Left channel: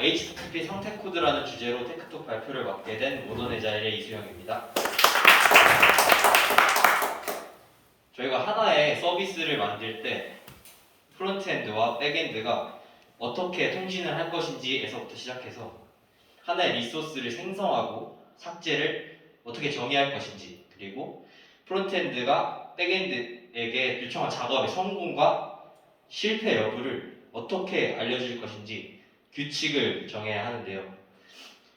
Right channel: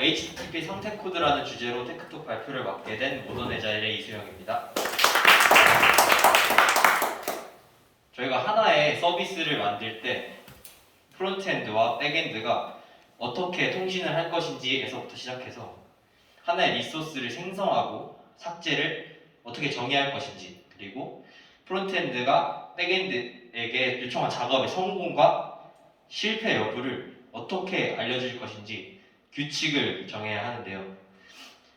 HTTP 상태 코드라는 주제로 테크톡 발표를 맡게 된 모던에자일의 이수영입니다. 저희가 하나의 서비스를 만들 때 프론트엔드와 백엔드가 어떻게 통신을 할 것인지에서부터 시작해서 하나의 리소스를 생성하고 삭제를 어떻게 정의할 것인지, 그리고 프론트엔드가 백엔드에게 요청한 작업의 성공과 실패 여부를 어떻게 알려줄 것인지 규칙을 정해야 하는데요.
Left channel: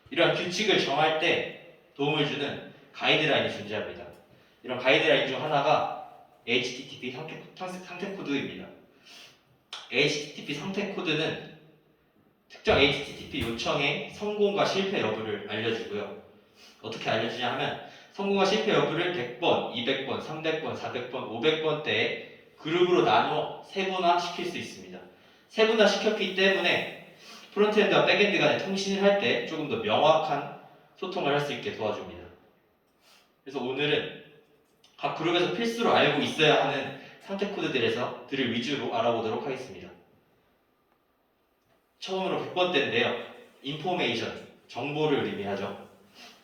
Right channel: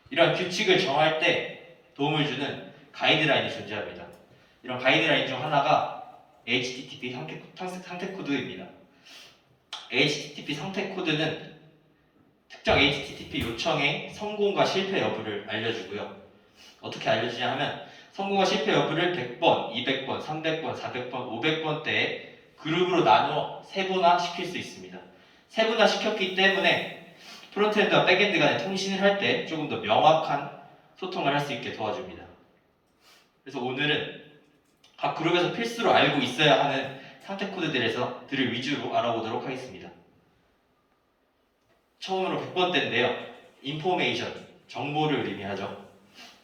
이런 규칙을 정할 때 도움을 주는 가이드라인이 존재합니다. 이런 가이드라인 중 하나가 HTTP 상태 코드입니다. HTTP 상태 코드는 특정 HTTP 요청의 성공과 실패 여부를 알려주고요. 어떻게 알려주냐 하면 성공과 실패 여부를 100번, 200번, 300번, 400번, 500번 대에 그룹으로 나누어 세분화시킬 수 있습니다. 세분화시켰기 때문에 프론트엔드와 백엔드 간의 통신을 할 때 조금 더 명확한 소통을 할 수 있게 도와줍니다. 그래서 오늘은 각 그룹에서 필수로 알고 있어야 하는 상태 코드들을 위주로 알아보도록 하겠습니다. 처음으로 100번대인데요. 인포메이션, 정보를 의미하죠.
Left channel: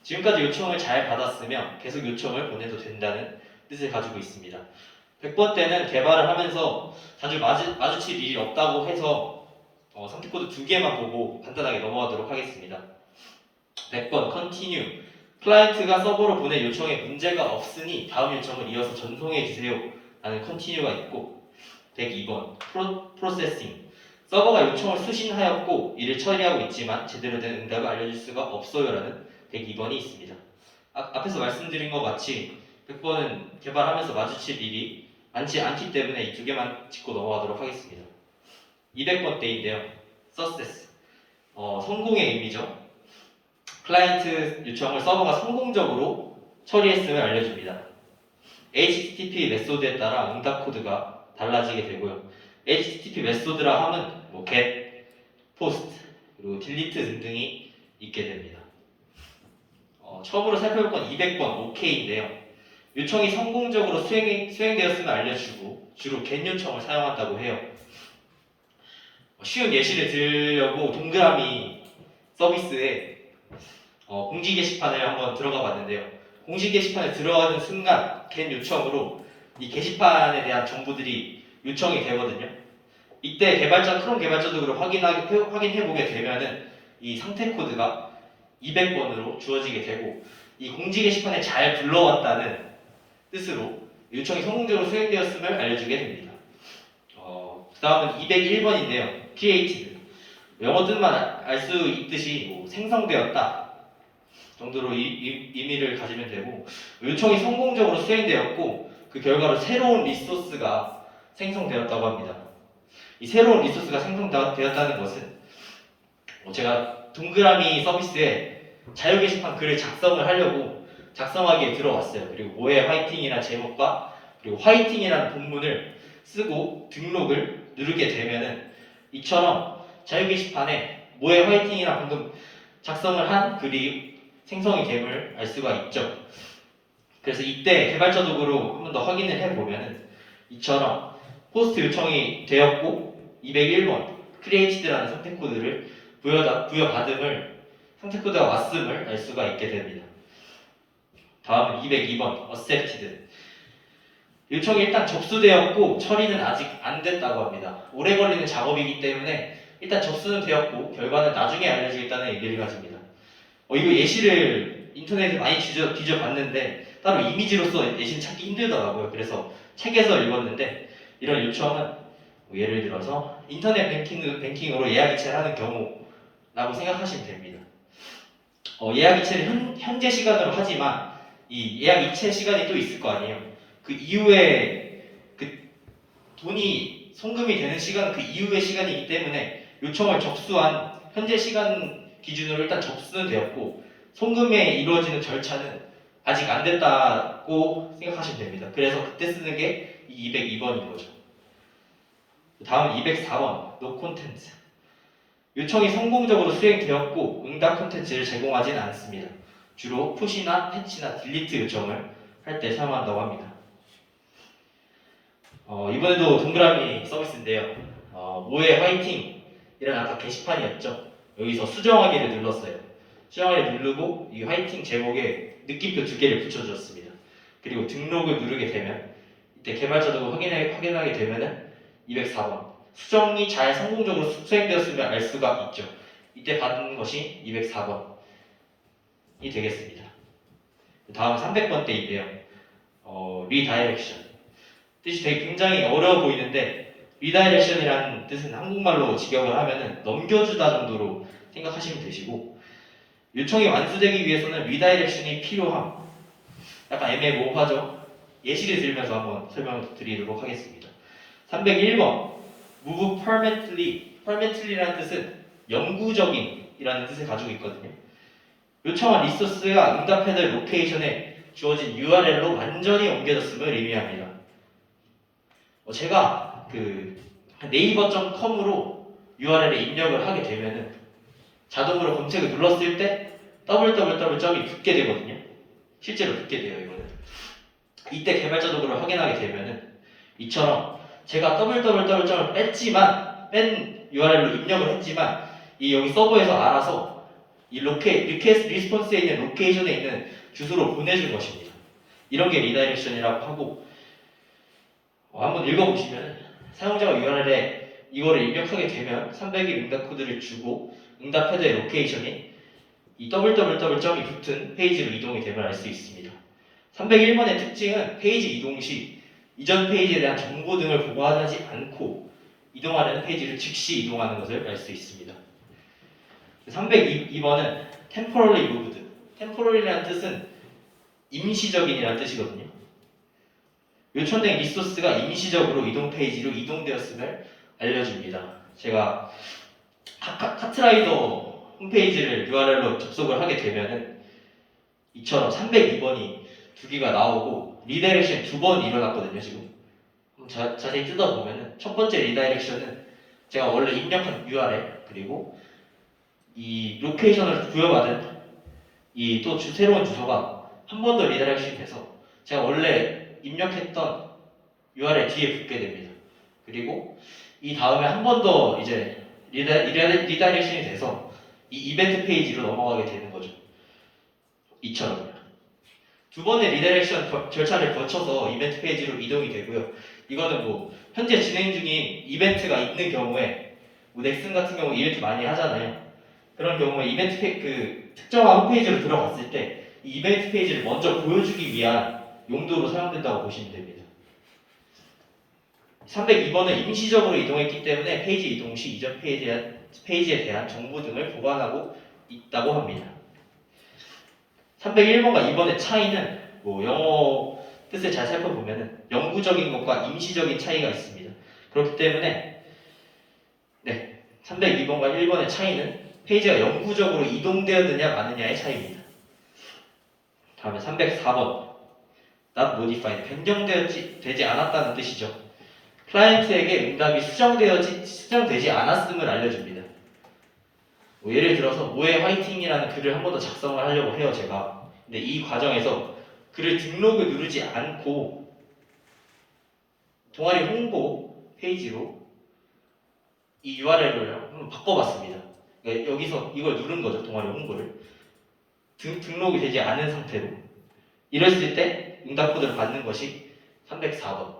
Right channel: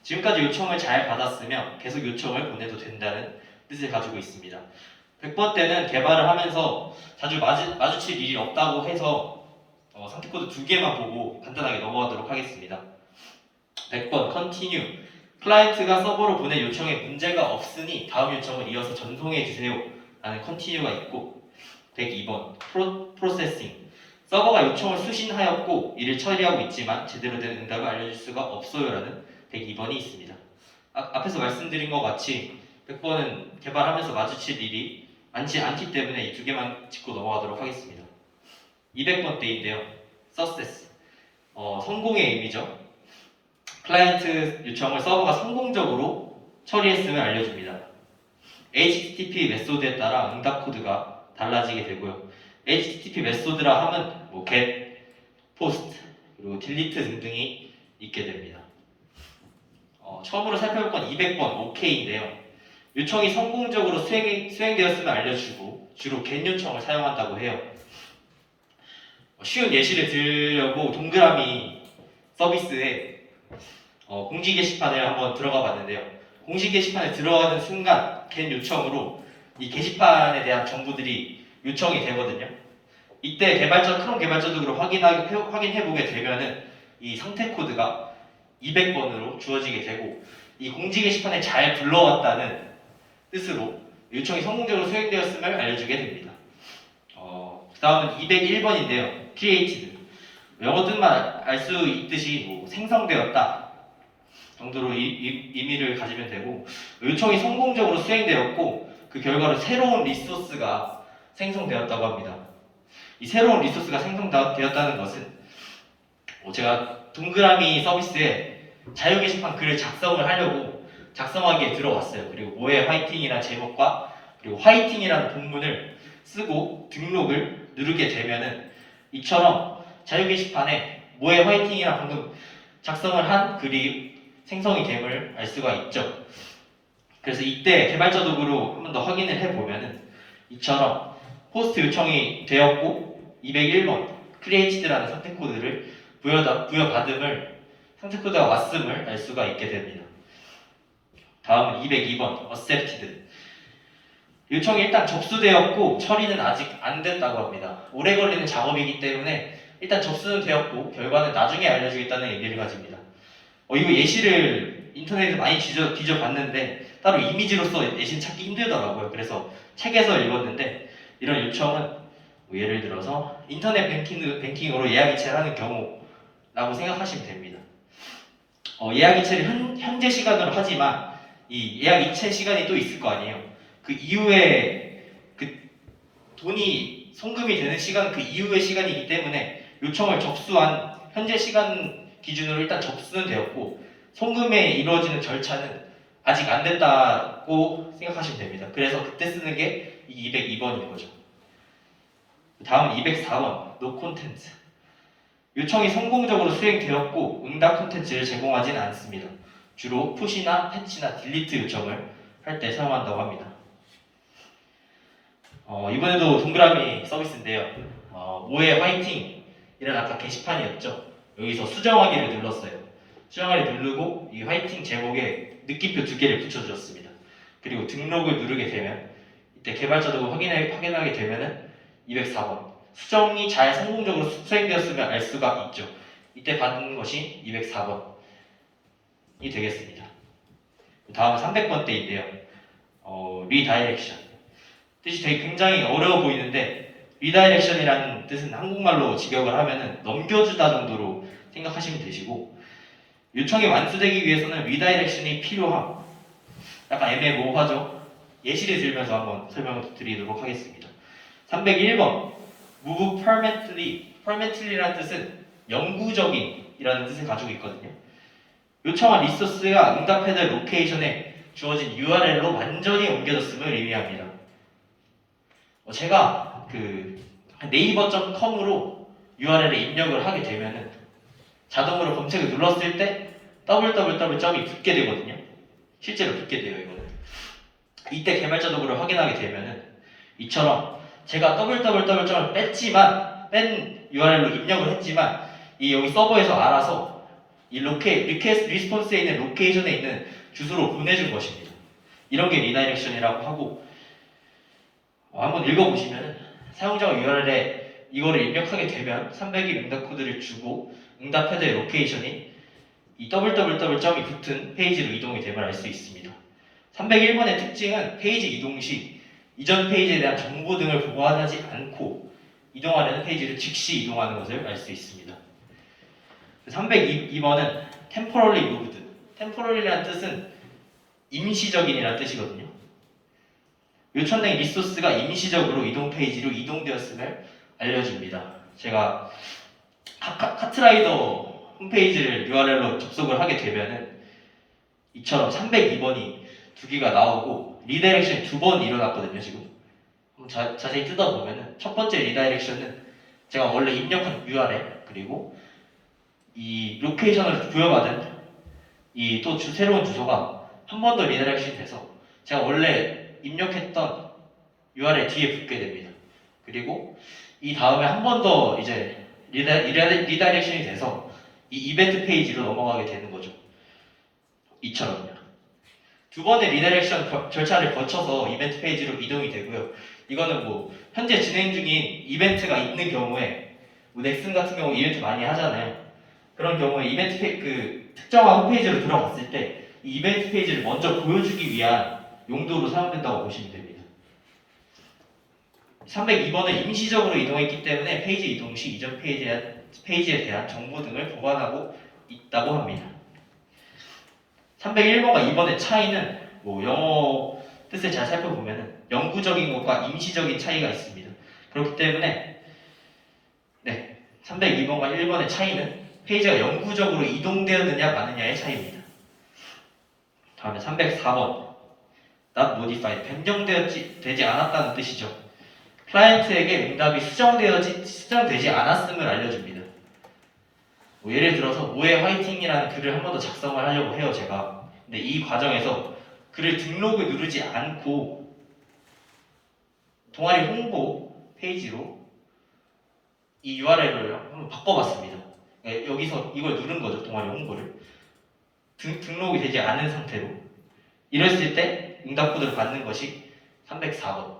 지금까지 요청을 잘 받았으면 계속 요청을 보내도 된다는 뜻을 가지고 있습니다. 100번대는 개발을 하면서 자주 마주칠 일이 없다고 해서 상태 코드 2개만 보고 간단하게 넘어가도록 하겠습니다. 100번 continue, 클라이언트가 서버로 보낸 요청에 문제가 없으니 다음 요청을 이어서 전송해 주세요 라는 continue가 있고, 102번 processing, 서버가 요청을 수신하였고 이를 처리하고 있지만 제대로 된 응답을 알려줄 수가 없어요 라는 102번이 있습니다. 앞에서 말씀드린 것 같이 100번은 개발하면서 마주칠 일이 많지 않기 때문에 이 2개만 짚고 넘어가도록 하겠습니다. 200번대인데요. success, 성공의 의미죠. 클라이언트 요청을 서버가 성공적으로 처리했음을 알려줍니다. HTTP 메소드에 따라 응답 코드가 달라지게 되고요. HTTP 메소드라 함은 get, post, 그리고 delete 등등이 있게 됩니다. 처음으로 살펴볼 건 200번 OK인데요. 요청이 성공적으로 수행되었음을 알려주고 주로 get 요청을 사용한다고 해요. 쉬운 예시를 들려고 동그라미 서비스에 공지 게시판을 한번 들어가 봤는데요. 공지 게시판에 들어가는 순간 get 요청으로 이 게시판에 대한 정보들이 요청이 되거든요. 이때 크롬 개발자도 확인해보게 되면은 이 상태 코드가 200번으로 주어지게 되고, 이 공지 게시판에 잘 불러왔다는 뜻으로 요청이 성공적으로 수행되었음을 알려주게 됩니다. 그 다음은 201번인데요. created, 영어 뜻만 알 수 있듯이 생성되었다 정도로 의미를 가지면 되고, 요청이 성공적으로 수행되었고 그 결과로 새로운 리소스가 생성되었다고 합니다. 이 새로운 리소스가 생성되었다는 것은 제가 동그라미 서비스에 자유 게시판 글을 작성을 하려고 작성하기에 들어왔어요. 그리고 뭐의 화이팅이라는 제목과 그리고 화이팅이라는 본문을 쓰고 등록을 누르게 되면은 이처럼 자유 게시판에 뭐의 화이팅이라는 방금 작성을 한 글이 생성이 됨을 알 수가 있죠. 그래서 이때 개발자 도구로 한 번 더 확인을 해보면은 이처럼 포스트 요청이 되었고 201번 created라는 상태 코드를 부여받음을, 상태 코드가 왔음을 알 수가 있게 됩니다. 다음은 202번 accepted, 요청이 일단 접수되었고 처리는 아직 안 됐다고 합니다. 오래 걸리는 작업이기 때문에 일단 접수는 되었고 결과는 나중에 알려주겠다는 얘기를 가집니다. 이거 예시를 인터넷에 많이 뒤져봤는데 따로 이미지로서 예시는 찾기 힘들더라고요. 그래서 책에서 읽었는데, 이런 요청은 예를 들어서 인터넷 뱅킹으로 예약 이체를 하는 경우라고 생각하시면 됩니다. 예약 이체를 현재 시간으로 하지만 이 예약 이체 시간이 또 있을 거 아니에요. 그 이후에 그 돈이 송금이 되는 시간, 그 이후의 시간이기 때문에 요청을 접수한 현재 시간 기준으로 일단 접수는 되었고 송금에 이루어지는 절차는 아직 안 됐다고 생각하시면 됩니다. 그래서 그때 쓰는 게 이 202번인 거죠. 다음은 204번 no content, 요청이 성공적으로 수행되었고 응답 콘텐츠를 제공하지는 않습니다. 주로 푸시나 패치나 딜리트 요청을 할 때 사용한다고 합니다. 이번에도 동그라미 서비스인데요. 모의 화이팅 이런 아까 게시판이었죠. 여기서 수정하기를 눌렀어요. 수정하기를 누르고 이 화이팅 제목에 느낌표 2개를 붙여주었습니다. 그리고 등록을 누르게 되면 이때 개발자도 확인하게 되면은 204번 수정이 잘 성공적으로 수행되었으면 알 수가 있죠. 이때 받는 것이 204번이 되겠습니다. 다음 300번대인데요. 리다이렉션. 뜻이 되게 굉장히 어려워 보이는데 리다이렉션이라는 뜻은 한국말로 직역을 하면은 넘겨주다 정도로 생각하시면 되시고 요청이 완수되기 위해서는 리다이렉션이 필요함. 약간 애매모호하죠? 예시를 들면서 한번 설명드리도록 하겠습니다. 301번 move permanently. permanently라는 뜻은 영구적인이라는 뜻을 가지고 있거든요. 요청한 리소스가 응답해야 될 로케이션에 주어진 URL로 완전히 옮겨졌음을 의미합니다. 제가 그 네이버.com으로 URL에 입력을 하게 되면은 자동으로 검색을 눌렀을 때 www.점이 붙게 되거든요. 실제로 붙게 돼요, 이거는. 이때 개발자 도구를 확인하게 되면은 이처럼 제가 www.점을 뺀 URL로 입력을 했지만 이 여기 서버에서 알아서 이 리퀘스트 리스폰스에 있는 로케이션에 있는 주소로 보내준 것입니다. 이런 게 리다이렉션이라고 하고 한번 읽어보시면 사용자가 URL에 이거를 입력하게 되면 300일 응답 코드를 주고 응답 헤드의 로케이션이 이 www.점이 붙은 페이지로 이동이 됨을 알 수 있습니다. 301번의 특징은 페이지 이동 시 이전 페이지에 대한 정보 등을 보관하지 않고 이동하는 페이지를 즉시 이동하는 것을 알 수 있습니다. 302번은 temporarily moved. temporarary라는 뜻은 임시적인이라는 뜻이거든요. 요청된 리소스가 임시적으로 이동 페이지로 이동되었음을 알려줍니다. 제가 카트라이더 홈페이지를 URL로 접속을 하게 되면은 이처럼 302번이 2개가 나오고 리다이렉션이 2번 일어났거든요. 지금 자세히 뜯어보면은 첫 번째 리다이렉션은 제가 원래 입력한 URL 그리고 이 로케이션을 부여받은 이 또 새로운 주소가 한 번 더 리다이렉션이 돼서 제가 원래 입력했던 URL 뒤에 붙게 됩니다. 그리고 이 다음에 한 번 더 이제 리다이렉션이 돼서 이 이벤트 페이지로 넘어가게 되는 거죠. 이처럼요. 2번의 리다이렉션 절차를 거쳐서 이벤트 페이지로 이동이 되고요. 이거는 뭐 현재 진행 중인 이벤트가 있는 경우에 뭐 넥슨 같은 경우 이벤트 많이 하잖아요. 그런 경우에 그 특정한 홈페이지로 들어갔을 때 이 이벤트 페이지를 먼저 보여주기 위한 용도로 사용된다고 보시면 됩니다. 302번은 임시적으로 이동했기 때문에 페이지 이동 시 이전 페이지에 대한 정보 등을 보관하고 있다고 합니다. 301번과 2번의 차이는 뭐 영어 뜻을 잘 살펴보면 영구적인 것과 임시적인 차이가 있습니다. 그렇기 때문에 302번과 1번의 차이는 페이지가 영구적으로 이동되었느냐 마느냐의 차이입니다. 다음에 304번 not modified 변경되지 않았다는 뜻이죠. 클라이언트에게 응답이 수정되지 않았음을 알려줍니다. 뭐 예를 들어서 모의 화이팅이라는 글을 한 번 더 작성을 하려고 해요, 제가. 근데 이 과정에서 글을 등록을 누르지 않고 동아리 홍보 페이지로 이 URL을 한번 바꿔봤습니다. 그러니까 여기서 이걸 누른 거죠, 동아리 홍보를. 등록이 되지 않은 상태로. 이랬을 때 응답 코드를 받는 것이 304번.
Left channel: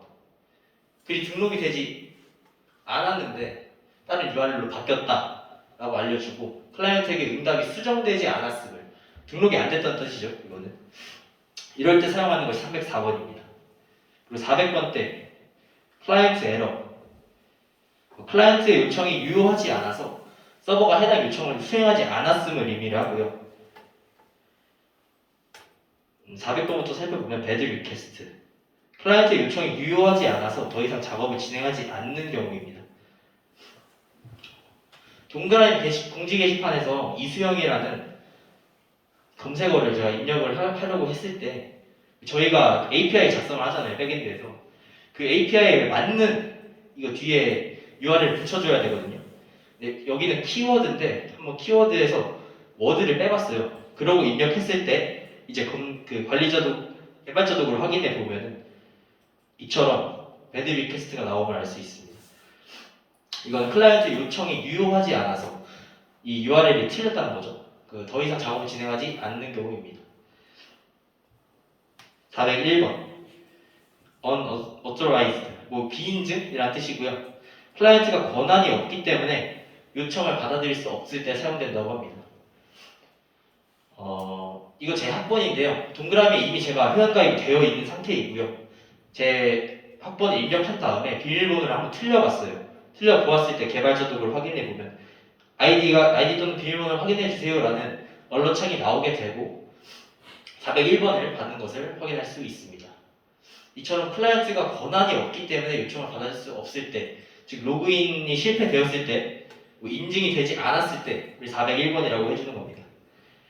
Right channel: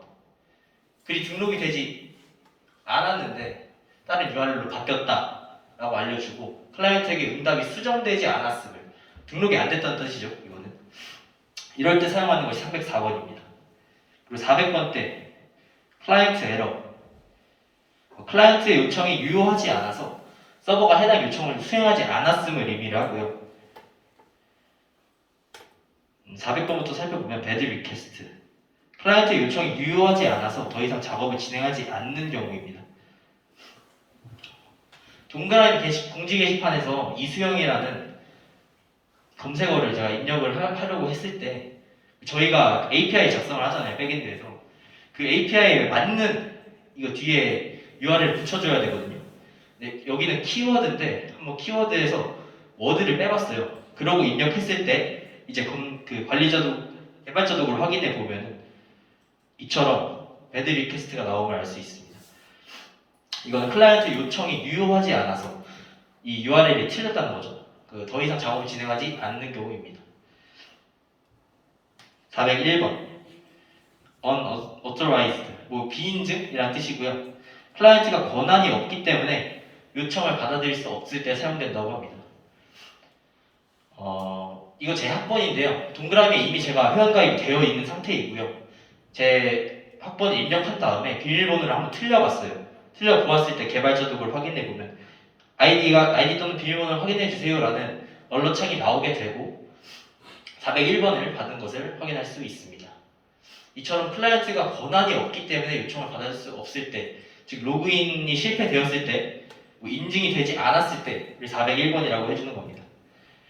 글이 등록이 되지 않았는데 다른 URL로 바뀌었다라고 알려주고 클라이언트에게 응답이 수정되지 않았음을 등록이 안 됐다는 뜻이죠. 이거는 이럴 때 사용하는 것이 304번입니다. 그리고 400번 때 클라이언트 에러. 클라이언트의 요청이 유효하지 않아서 서버가 해당 요청을 수행하지 않았음을 의미를 하고요. 400번부터 살펴보면 bad request. 클라이언트의 요청이 유효하지 않아서 더 이상 작업을 진행하지 않는 경우입니다. 동그라미 공지 게시판에서 이수영이라는 검색어를 제가 입력을 하려고 했을 때 저희가 API 작성을 하잖아요, 백엔드에서. 그 API에 맞는 이거 뒤에 URL을 붙여줘야 되거든요. 근데 여기는 키워드인데 한번 키워드에서 워드를 빼봤어요. 그러고 입력했을 때 이제 그 개발자 도구를 확인해 보면 이처럼 배드 리퀘스트가 나오면 알 수 있습니다. 이건 클라이언트 요청이 유효하지 않아서 이 URL이 틀렸다는 거죠. 더 이상 작업을 진행하지 않는 경우입니다. 401번 unauthorized 비인증이라는 뜻이고요. 클라이언트가 권한이 없기 때문에 요청을 받아들일 수 없을 때 사용된다고 합니다. 이거 제 학번인데요. 동그라미에 이미 제가 회원가입이 되어 있는 상태이고요. 제 학번을 입력한 다음에 비밀번호를 한번 틀려봤어요. 틀려보았을 때 개발자 도구를 확인해보면 아이디 또는 비밀번호를 확인해주세요 라는 언론창이 나오게 되고 401번을 받은 것을 확인할 수 있습니다. 이처럼 클라이언트가 권한이 없기 때문에 요청을 받을 수 없을 때, 즉 로그인이 실패되었을 때, 인증이 되지 않았을 때를 401번이라고 해주는 겁니다.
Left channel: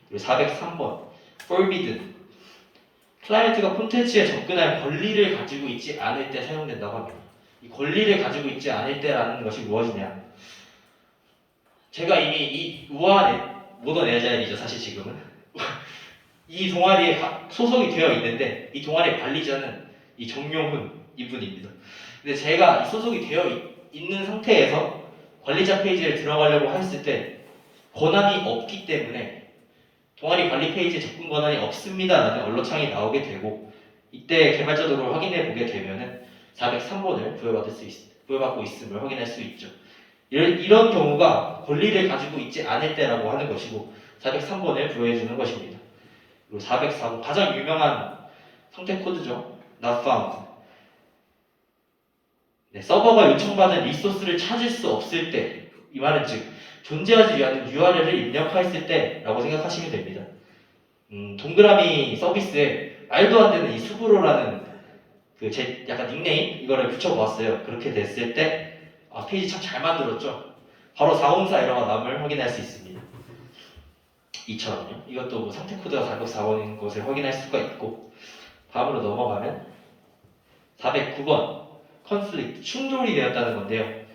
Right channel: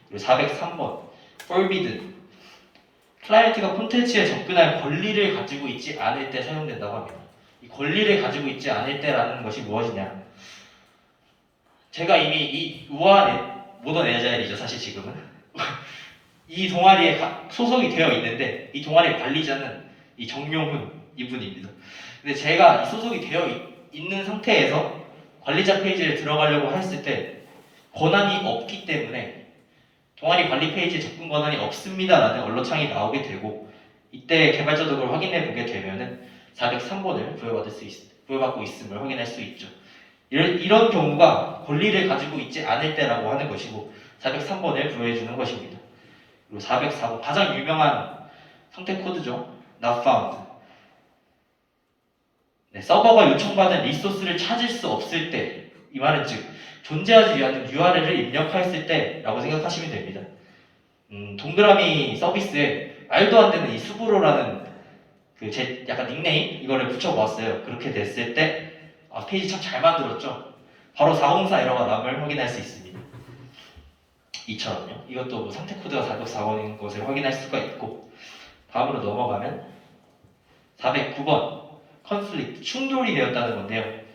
그리고 403번 forbidden 클라이언트가 콘텐츠에 접근할 권리를 가지고 있지 않을 때 사용된다고 합니다. 이 권리를 가지고 있지 않을 때라는 것이 무엇이냐? 제가 이미 이 우아한 모던 에자일이죠, 사실 지금은. 이 동아리에 소속이 되어 있는데 이 동아리의 관리자는 이 정용훈 이분입니다. 근데 제가 이 소속이 되어 있는 상태에서 관리자 페이지를 들어가려고 했을 때 권한이 없기 때문에 동아리 관리 페이지에 접근 권한이 없습니다라는 언론창이 나오게 되고 이때 개발자 도구를 확인해 보게 되면은 403번을 부여받고 있음을 확인할 수 있죠. 이런 경우가 권리를 가지고 있지 않을 때라고 하는 것이고 403번을 부여해주는 것입니다. 그리고 404번 가장 유명한 상태 코드죠. not found. 네, 서버가 요청받은 리소스를 찾을 수 없을 때, 이 말은 즉 존재하지 않는 URL을 입력하였을 때라고 생각하시면 됩니다. 동그라미 서비스에 말도 안 되는 이 수브로라는 제 약간 닉네임 이거를 붙여보았어요. 그렇게 됐을 때 페이지 참 잘 만들었죠. 바로 404 에러가 남을 확인할 수 있습니다. 이처럼요. 이것도 상태 코드가 404번인 것을 확인할 수가 있고 다음으로 넘어가면 409번 conflict 충돌이 되었다는 건데요.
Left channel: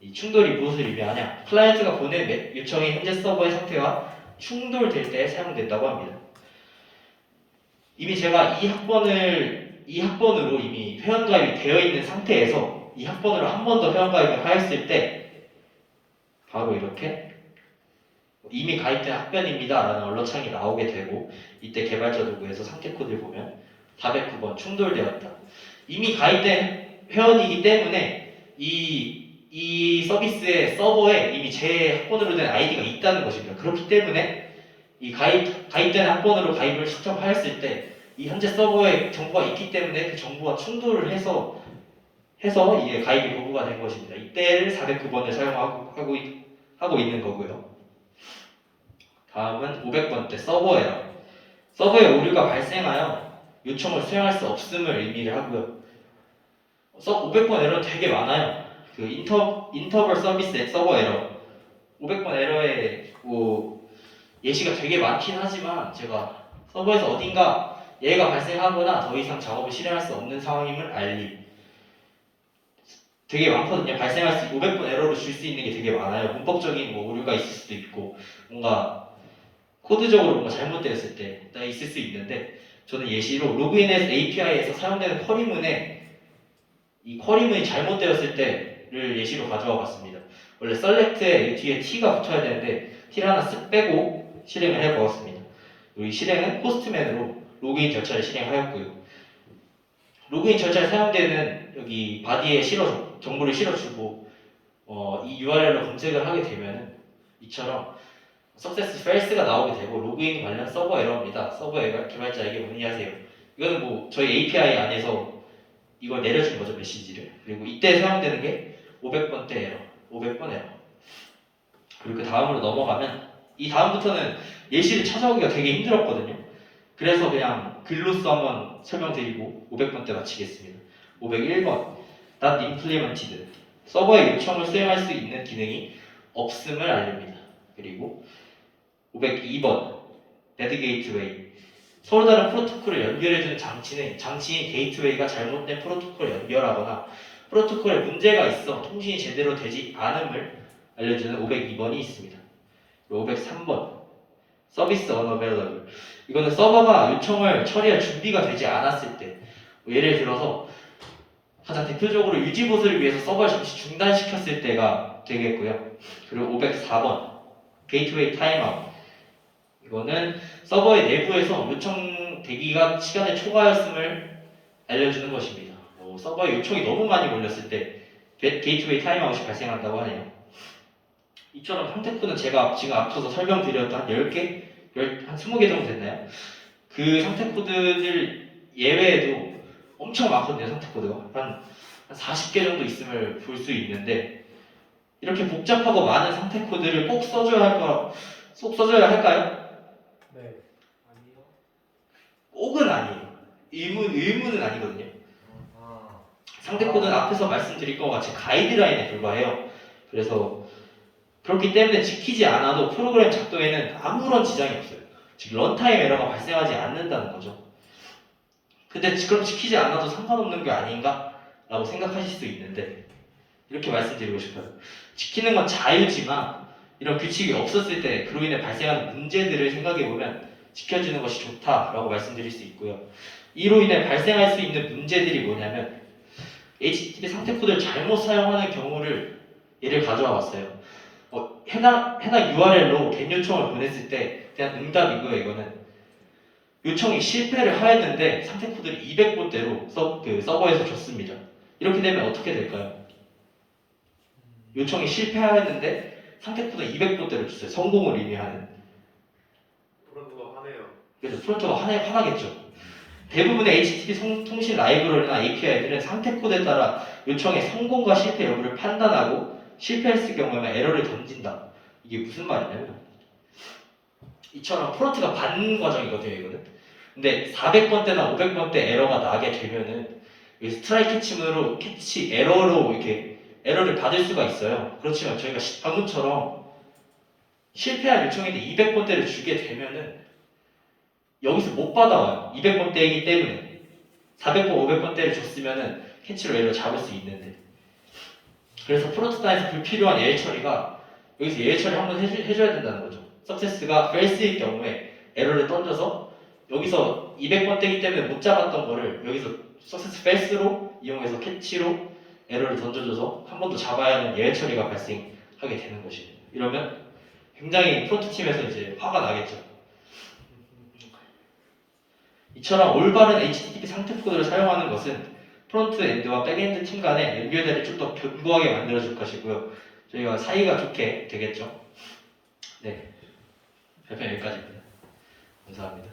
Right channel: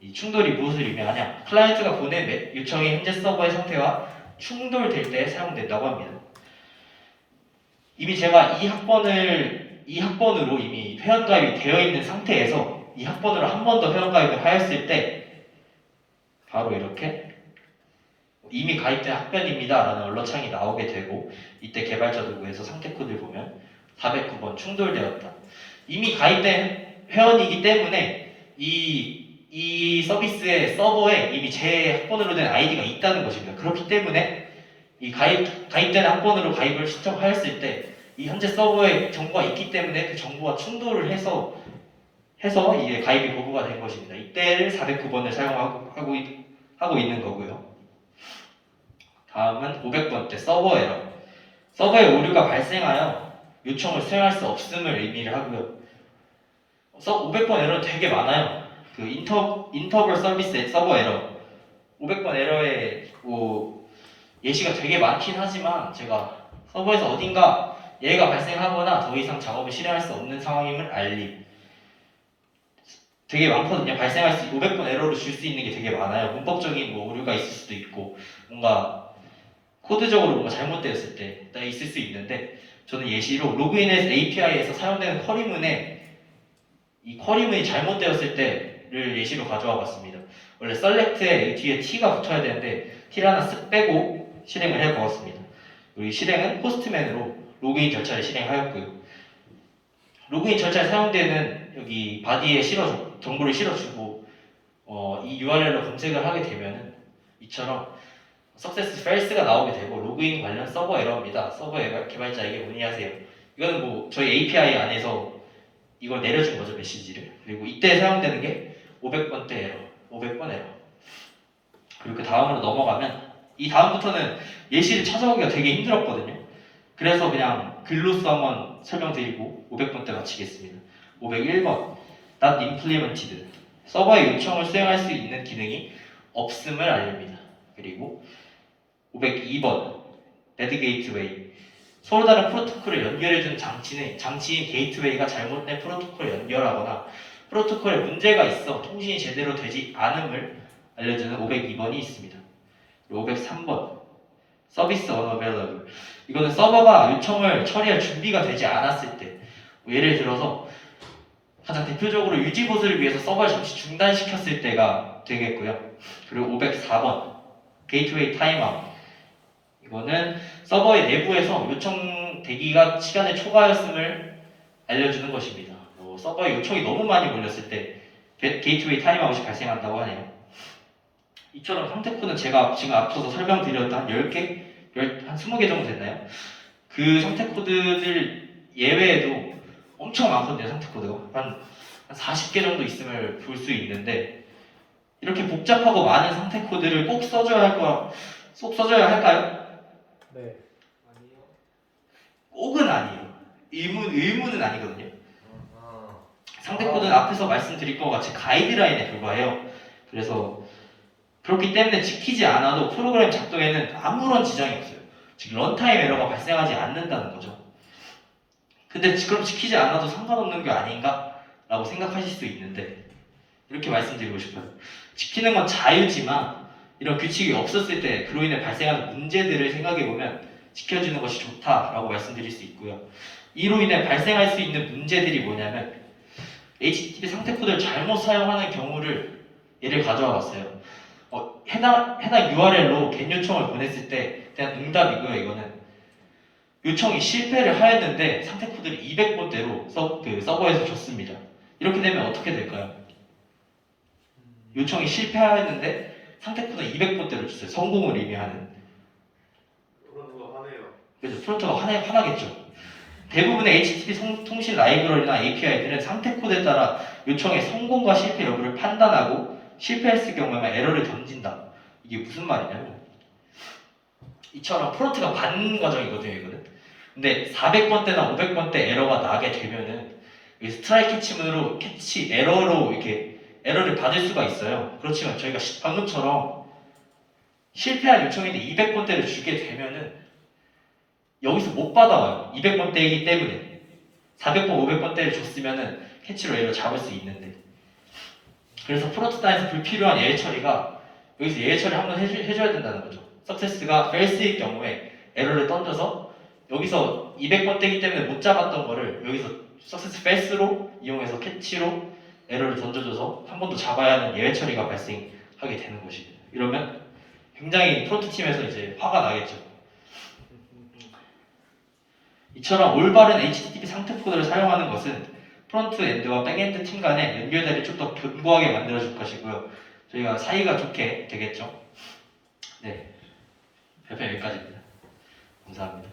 이 충돌이 무엇을 의미하냐? 클라이언트가 보낸 요청이 현재 서버의 상태와 충돌될 때 사용된다고 합니다. 이미 제가 이 학번으로 이미 회원가입이 되어 있는 상태에서 이 학번으로 한 번 더 회원가입을 하였을 때 바로 이렇게 이미 가입된 학번입니다 라는 언론창이 나오게 되고 이때 개발자 도구에서 상태 코드를 보면 409번 충돌되었다. 이미 가입된 회원이기 때문에 이 서비스의 서버에 이미 제 학번으로 된 아이디가 있다는 것입니다. 그렇기 때문에 이 가입된 학번으로 가입을 신청하였을 때 이 현재 서버에 정보가 있기 때문에 그 정보와 충돌을 해서 이게 가입이 고부가 된 것입니다. 이때를 409번을 사용하고 있는 거고요. 다음은 500번째 서버 에러. 서버에 오류가 발생하여 요청을 수행할 수 없음을 의미를 하고요. 500번 에러 되게 많아요. 인터벌 서비스의 서버 에러. 500번 에러의 예시가 되게 많긴 하지만 제가 서버에서 어딘가 예가 발생하거나 더 이상 작업을 실행할 수 없는 상황임을 알림. 되게 많거든요. 500번 에러를 줄 수 있는 게 되게 많아요. 문법적인 오류가 있을 수도 있고 뭔가 코드적으로 뭔가 잘못되었을 때 있을 수 있는데 저는 예시로 로그인에서 API에서 사용되는 쿼리문에 이 쿼리문이 잘못되었을 때를 예시로 가져와 봤습니다. 원래 select에 뒤에 t가 붙어야 되는데 t를 하나 쓱 빼고 실행을 해보았습니다. 이 실행은 포스트맨으로 로그인 절차를 실행하였고요. 로그인 절차에 사용되는 여기 바디에 정보를 실어주고 이 URL로 검색을 하게 되면은 이처럼 success fails가 나오게 되고 로그인 관련 서버 에러입니다. 서버 개발자에게 문의하세요. 이거는 저희 API 안에서 이걸 내려준 거죠, 메시지를. 그리고 이때 사용되는 게 500번대 에러, 500번 에러. 그리고 그 다음으로 넘어가면 이 다음부터는 예시를 찾아오기가 되게 힘들었거든요. 그래서 그냥 글로써 한번 설명드리고 500번대 마치겠습니다. 501번 not implemented 서버의 요청을 수행할 수 있는 기능이 없음을 알립니다. 그리고 502번 bad gateway 서로 다른 프로토콜을 연결해주는 장치인 게이트웨이가 잘못된 프로토콜을 연결하거나 프로토콜에 문제가 있어 통신이 제대로 되지 않음을 알려주는 502번이 있습니다. 503번 서비스 unavailable 이거는 서버가 요청을 처리할 준비가 되지 않았을 때 예를 들어서 가장 대표적으로 유지보수를 위해서 서버를 잠시 중단시켰을 때가 되겠고요. 그리고 504번 게이트웨이 타임아웃. 이거는 서버의 내부에서 요청 대기가 시간을 초과하였음을 알려주는 것입니다. 서버에 요청이 너무 많이 몰렸을 때 게이트웨이 타임아웃이 발생한다고 하네요. 이처럼 상태 코드는 제가 지금 앞서서 설명드렸던 한 10개, 한 20개 정도 됐나요? 그 상태 코드들 예외에도 엄청 많거든요. 상태 코드가 한 40개 정도 있음을 볼 수 있는데 이렇게 복잡하고 많은 상태 코드를 꼭 써줘야 할까요? 네. 꼭은 아니에요. 의무는 아니거든요. 상태 코드는 앞에서 말씀드릴 것 같이 가이드라인에 불과해요. 그래서 그렇기 때문에 지키지 않아도 프로그램 작동에는 아무런 지장이 없어요. 즉 런타임 에러가 발생하지 않는다는 거죠. 근데 그럼 지키지 않아도 상관없는 게 아닌가? 라고 생각하실 수 있는데 이렇게 말씀드리고 싶어요. 지키는 건 자유지만 이런 규칙이 없었을 때 그로 인해 발생하는 문제들을 생각해보면 지켜주는 것이 좋다라고 말씀드릴 수 있고요. 이로 인해 발생할 수 있는 문제들이 뭐냐면 HTTP 상태 코드를 잘못 사용하는 경우를 예를 가져와 봤어요. 해당 URL로 겟 요청을 보냈을 때 그냥 응답이고요. 이거는 요청이 실패를 하였는데 상태 코드를 200번대로 서버에서 줬습니다. 이렇게 되면 어떻게 될까요? 요청이 실패하였는데 상태 코드 200번대로 줬어요. 성공을 의미하는. 프론트가 화내요. 그래서 프론트가 화나겠죠. 대부분의 HTTP 통신 라이브러리나 API들은 상태 코드에 따라 요청의 성공과 실패 여부를 판단하고 실패했을 경우에만 에러를 던진다. 이게 무슨 말이냐면 이처럼 프론트가 받는 과정이거든요. 이거는. 근데 400번대나 500번대 에러가 나게 되면은 스트라이크 치문으로 캐치 에러로 이렇게 에러를 받을 수가 있어요. 그렇지만 저희가 방금처럼 실패한 요청인데 200번대를 주게 되면은 여기서 못 받아와요. 200번대이기 때문에 400번, 500번대를 줬으면은 캐치로 에러 잡을 수 있는데 그래서 프론트 단에서 불필요한 예외 처리가 여기서 예외 처리 한번 해줘야 된다는 거죠. 석세스가 false일 경우에 에러를 던져서 여기서 200번대이기 때문에 못 잡았던 거를 여기서 석세스 false로 이용해서 캐치로 에러를 던져줘서 한 번 더 잡아야 하는 예외 처리가 발생하게 되는 것이에요. 이러면 굉장히 프론트 팀에서 이제 화가 나겠죠. 이처럼 올바른 HTTP 상태 코드를 사용하는 것은 프론트 엔드와 백엔드 팀 간의 연결대를 좀 더 견고하게 만들어줄 것이고요. 저희가 사이가 좋게 되겠죠. 네, 발표 여기까지입니다. 감사합니다.